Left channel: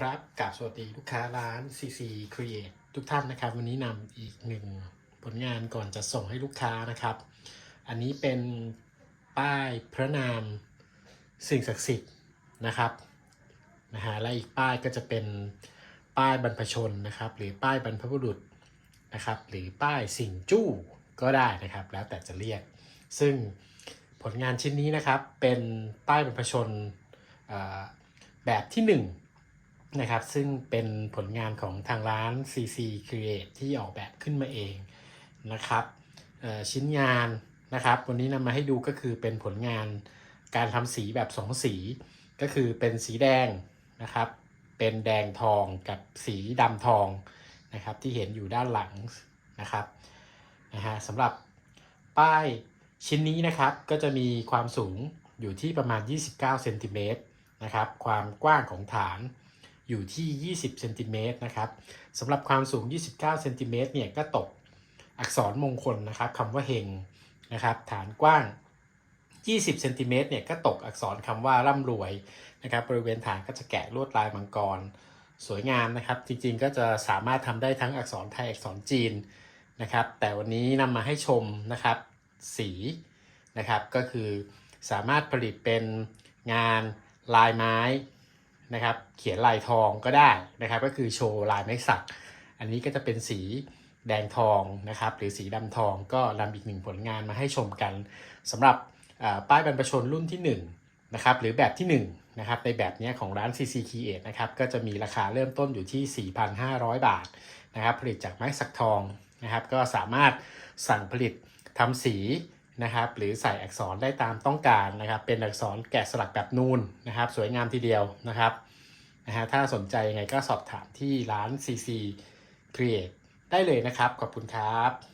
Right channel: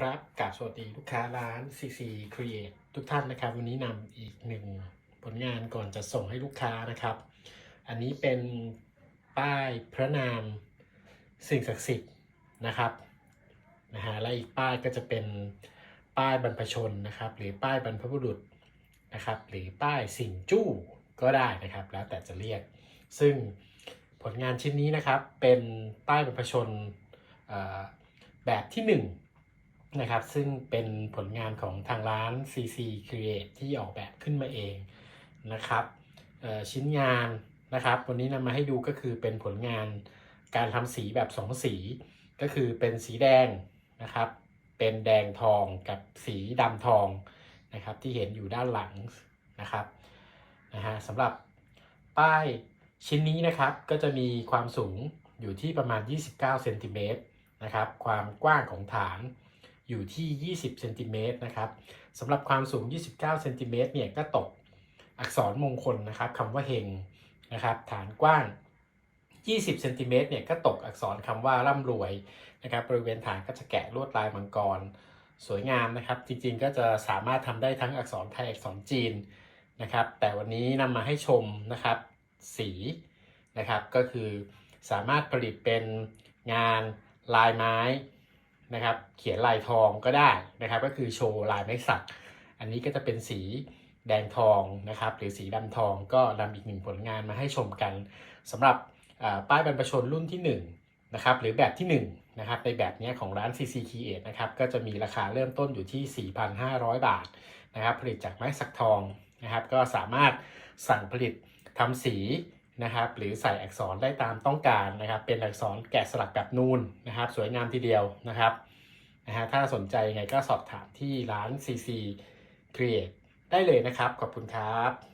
ครับกับสวัสดีลูกค้าร้าน CC Create ทุกท่านนะครับ วันนี้นำอีกหนึ่งผลงานก่อนจะส่งให้ลูกค้านะครับ อันนี้เป็นป้ายพระนามสิ่งศักดิ์สิทธิ์นะครับนะฮะและอีกป้ายก็จะเป็นป้ายบรรพชนนะครับ หรือป้ายบรรพบุรุษนะครับ หรือป้ายสิ่งจู้ก็ได้นะครับ แล้วแต่จะเรียก ซึ่งผลงานชิ้นนี้นะครับเป็นป้ายบรรพชนแบบที่ห นะครับ ซึ่งเป็นผลงานของทางร้าน CC Create ที่ออกแบบขึ้นมาเองนะครับชิ้นงานนะครับ วันนี้นำมาให้ดูก็คือเป็นผลงานการทำสีแบบ2สี ก็คือเป็นสีแดงนะครับ เป็นแดงทองกับสีดำทองนะครับที่เห็นอยู่ด้านหลังนะครับนะฮะสำหรับป้ายชิ้นนี้นะครับก็จะมีความสูงอยู่ที่ประมาณ 29เซนติเมตรนะครับ ความกว้างของฐาน อยู่ที่ 20เซนติเมตรนะครับสำหรับความสูง 29เซนติเมตรเนี่ยก็ตกอักษรมงคลนะครับคำว่าเฮงนะครับฐานกว้าง 20เซนติเมตรเนี่ยก็ตกอักษรคำว่าร่ำรวยนะครับบริเวณฐานก็จะแกะลวดลายมังกร สวยงามนะครับ จริงๆก็จะสามารถทำได้ทั้งอักษรไทยอักษรจีนนะครับ แต่วันนี้นำมาให้ชมนะครับสีนะครับก็คือสามารถผลิตเป็นงานลายไม้ นะครับ เขียนลายทองก็ได้นะครับ ก็คือโชว์ลายไม้สัก อันนี้ก็จะเป็นสีแดงทองนะครับ หรือสีดำทองก็นำอีกหนึ่งผลงานมาให้ชมกันสำหรับป้ายบรรพชนรุ่นที่ 1 นะครับ หรือแบบที่ 1 นะครับ ในแบบนี้ของร้าน CC Create นะครับ ก็จะมีราคาเริ่มต้นอยู่ที่ 4,500 บาทนะครับ ผลิตจากไม้สักทองนะครับ ก็สามารถสั่งผลิตทำสี นะครับหรือใส่อักษรได้ตามต้องการนะครับ เป็นอักษรแกะสลักแบบนูนนะครับ สวยงามทีเดียวนะครับนะฮะถ้าสนใจยังไงก็สอบถามที่ร้าน CC Create ได้เลยนะครับ ขอบคุณครับ